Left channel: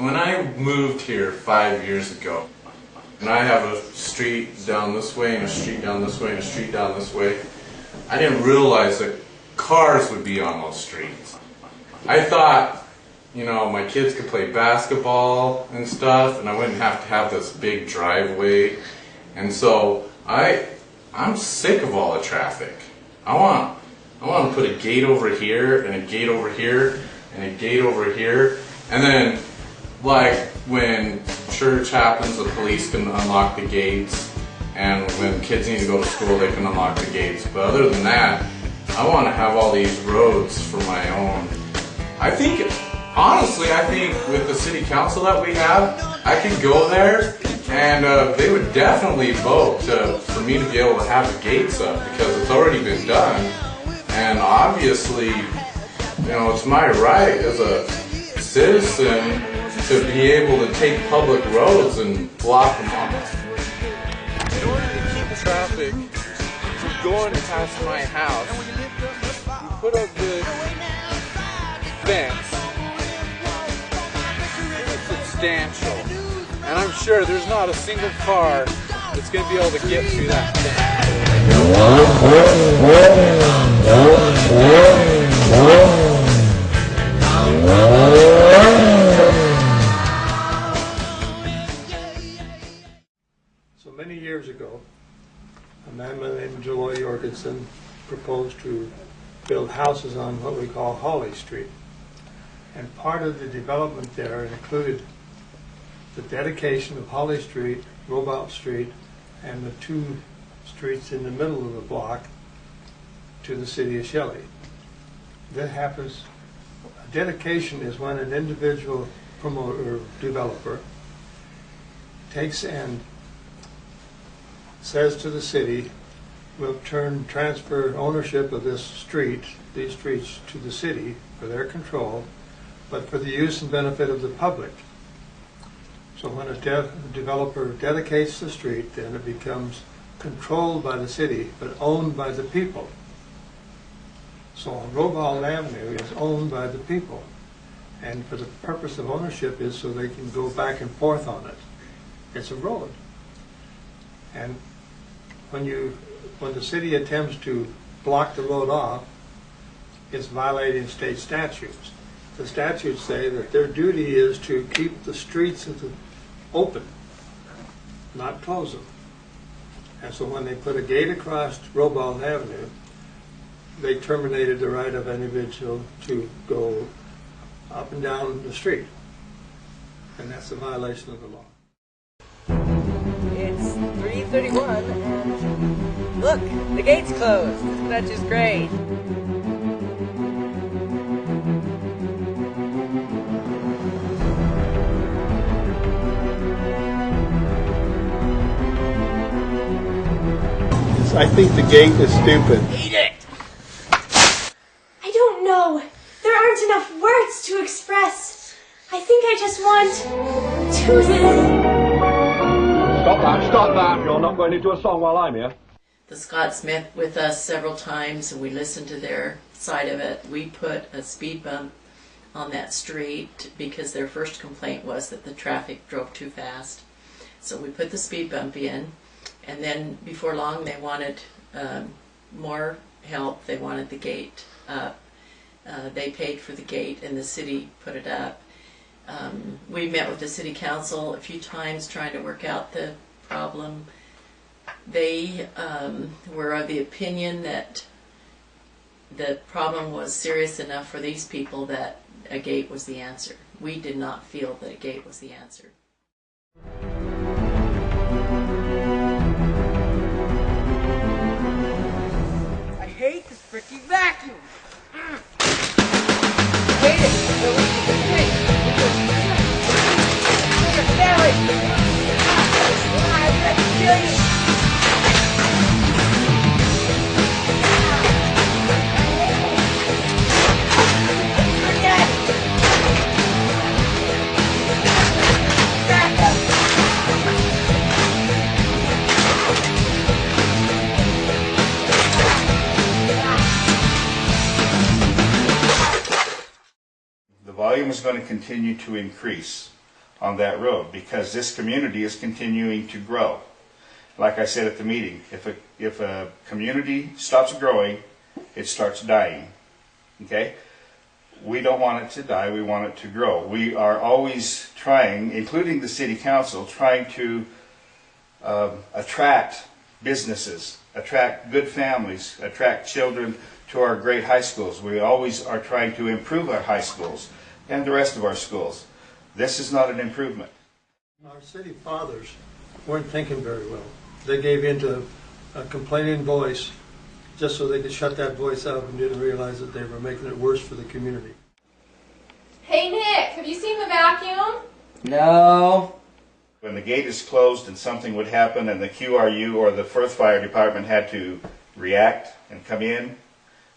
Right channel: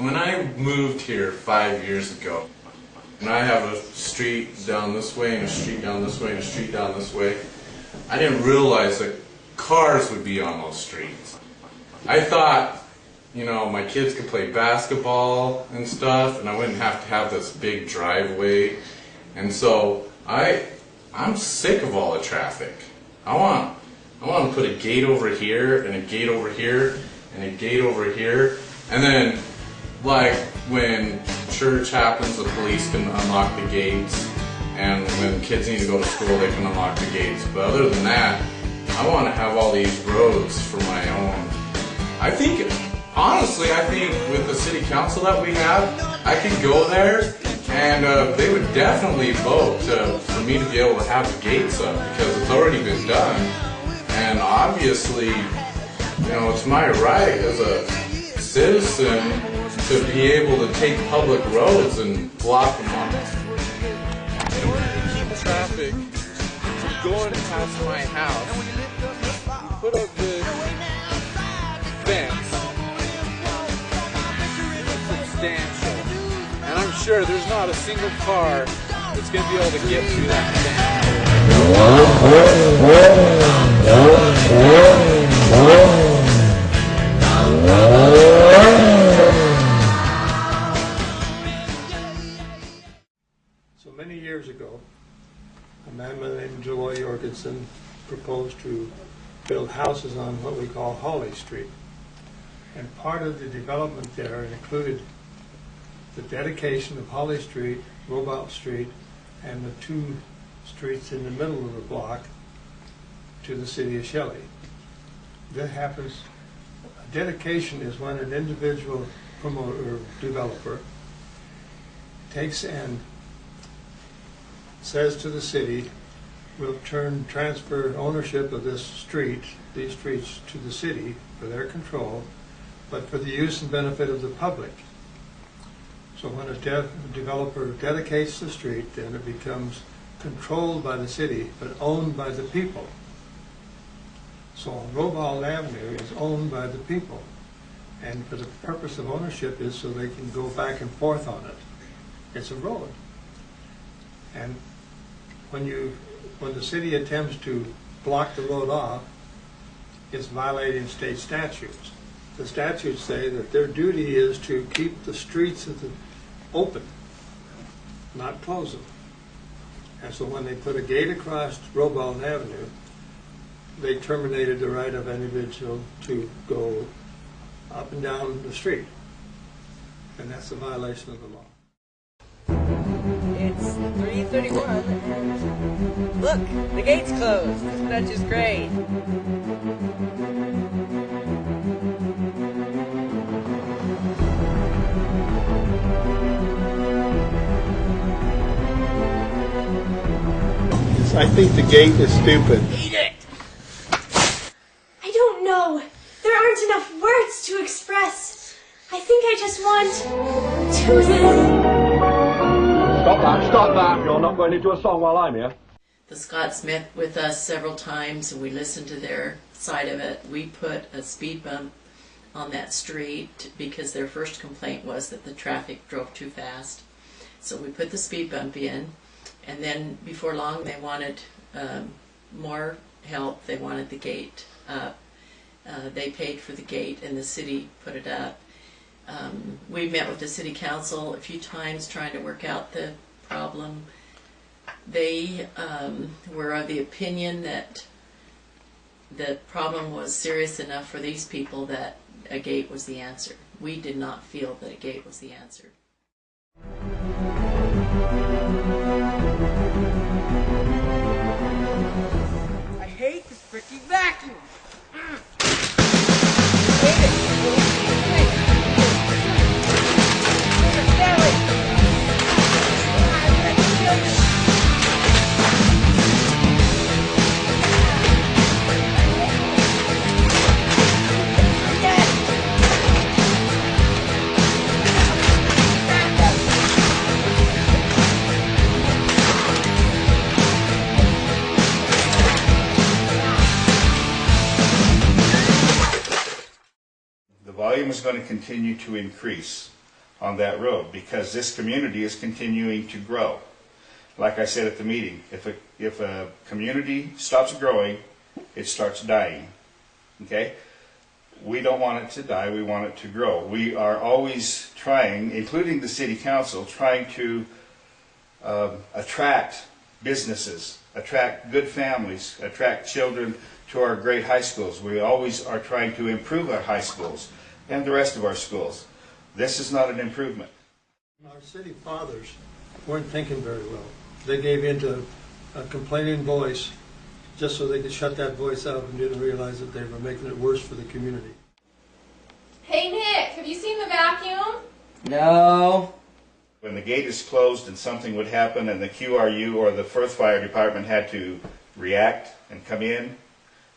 When I moved here 5 years ago, and I have a street down this way and a street down this way and a street down this way, I didn't realize that cars would be on those streets. I thought, you know, my kids could play basketball and stuff and I wouldn't have to have this big driveway. And so I'm sick of all the traffic. I want to put a gate over here and a gate over here and a gate over here, and then like when church happens, the police can unlock the gates, and when kids need to go to school, they can unlock the gates. But other than that, I want to have all these roads for my own. Honestly, I think with the city council that we have, I could go there and they would definitely vote for me to be able to have the gates up, because it's already been done. And obviously, you know, it's my right as a citizen to be able to take public roads and block them off. In order to keep the traffic from going past my house, you put up the fence. It's substantial. And I'm sure there's not a single car that's going to be able to get through that fence. So many years ago, a man by the name of Joy Jorgensen proposed to build houses on what we call Holly Street. And part of the development there included the dedication of Holly Street, Robald Street, and the two streets in the middle of the block to the city of Shelley. That happens, a dedication is when an individual promoter or developer takes and says to the city, we'll transfer ownership of this street, these streets, to the city for their control, but for the use and benefit of the public. So when a developer dedicates the street, then it becomes controlled by the city, but owned by the people. So Robald Avenue is owned by the people, and for the purpose of ownership is so they can go back and forth on it. It's a road. And when the city attempts to block the road off, it's violating state statutes. The statutes say that their duty is to keep the streets open, not close them. And so when they put a gate across Robald Avenue, they terminated the right of an individual to go up and down the street. And that's a violation of the law. It's 3:31 and look, the gate's closed. This stretch is great. I think the gate is stupid. Eat it! I don't know. There aren't enough words to express. I think I just want to Stop that. You're not going into a song while I'm here. The Scotts met with us several times and we listened to their side of it. We put a speed bump on that street because their first complaint was that the traffic drove too fast. So we put the speed bump in, and then before long they wanted more help. They wanted the gate up. They paid for the gate and the city put it up. We met with the city council a few times trying to work out the problem. They were of the opinion that the problem was serious enough for these people that a gate was the answer. We did not feel that a gate was the answer. I hate this freaking vacuum. I hate it. The volume is going to continue to increase. on that road, because this community is continuing to grow. Like I said at the meeting, if a community stops growing, it starts dying. Okay? We don't want it to die, we want it to grow. We are always trying, including the city council, trying to attract businesses, attract good families, attract children to our great high schools. We always are trying to improve our high schools and the rest of our schools. This is not an improvement. Our city fathers weren't thinking very well. They gave in to a complaining voice just so they could shut that voice out, and didn't realize that they were making it worse for the community. Hey Nick, have you seen the vacuum? No. When the gate is closed and something would happen and the QRU or the Firth Fire Department had to react and come in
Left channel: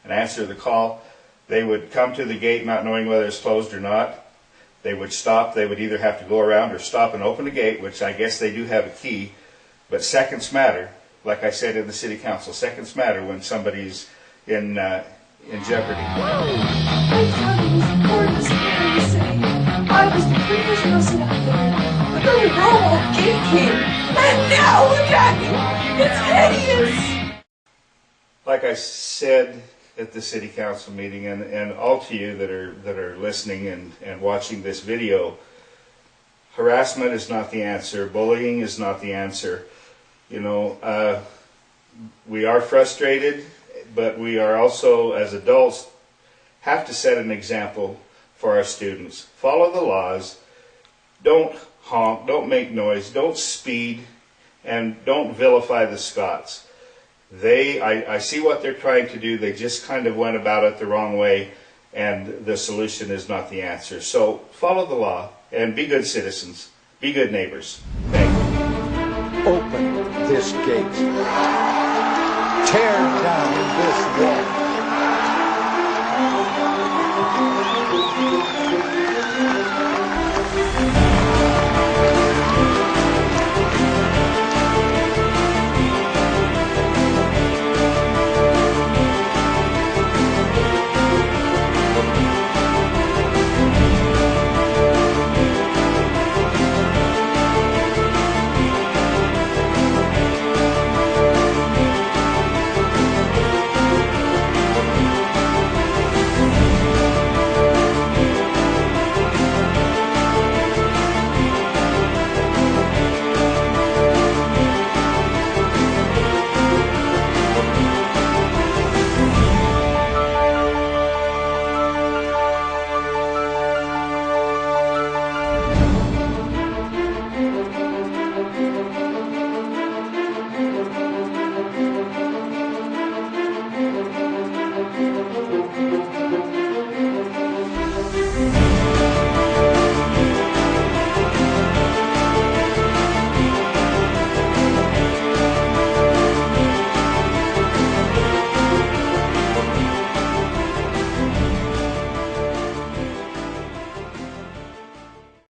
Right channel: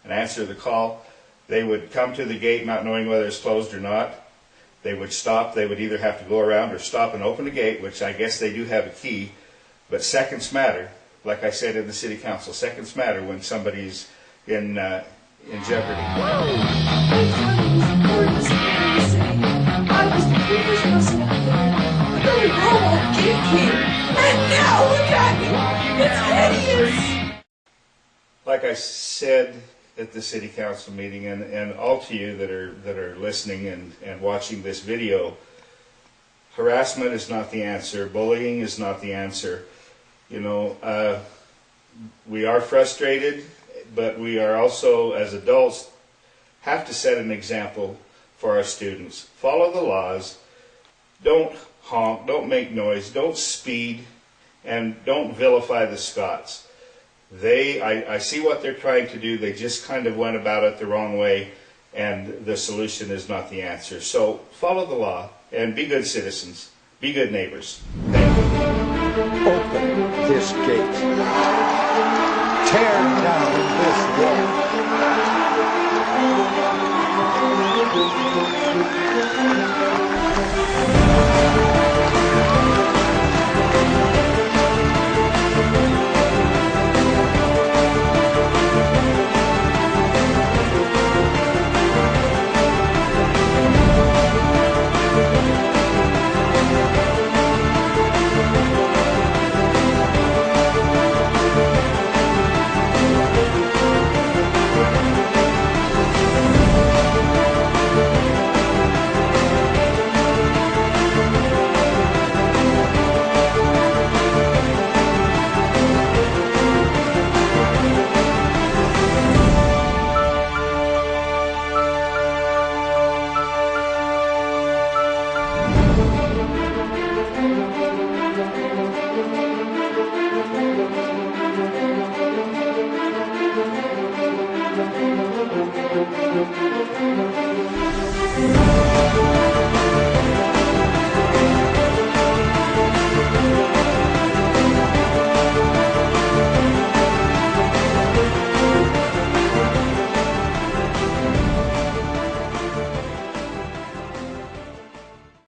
and answer the call, they would come to the gate not knowing whether it's closed or not. They would stop. They would either have to go around or stop and open the gate, which I guess they do have a key. But seconds matter, like I said in the city council, seconds matter when somebody's in jeopardy. I was the prettiest person out there. But then Robald Gate came, and now look at me. It's hideous. Like I said at the city council meeting, and all to you that are listening and watching this video, harassment is not the answer. Bullying is not the answer. You know, we are frustrated, but we are also, as adults, have to set an example for our students. Follow the laws. Don't honk. Don't make noise. Don't speed. And don't vilify the Scots. I see what they're trying to do. They just kind of went about it the wrong way, and the solution is not the answer. So follow the law and be good citizens. Be good neighbors. Thank you. Open this gate. Tear down this wall.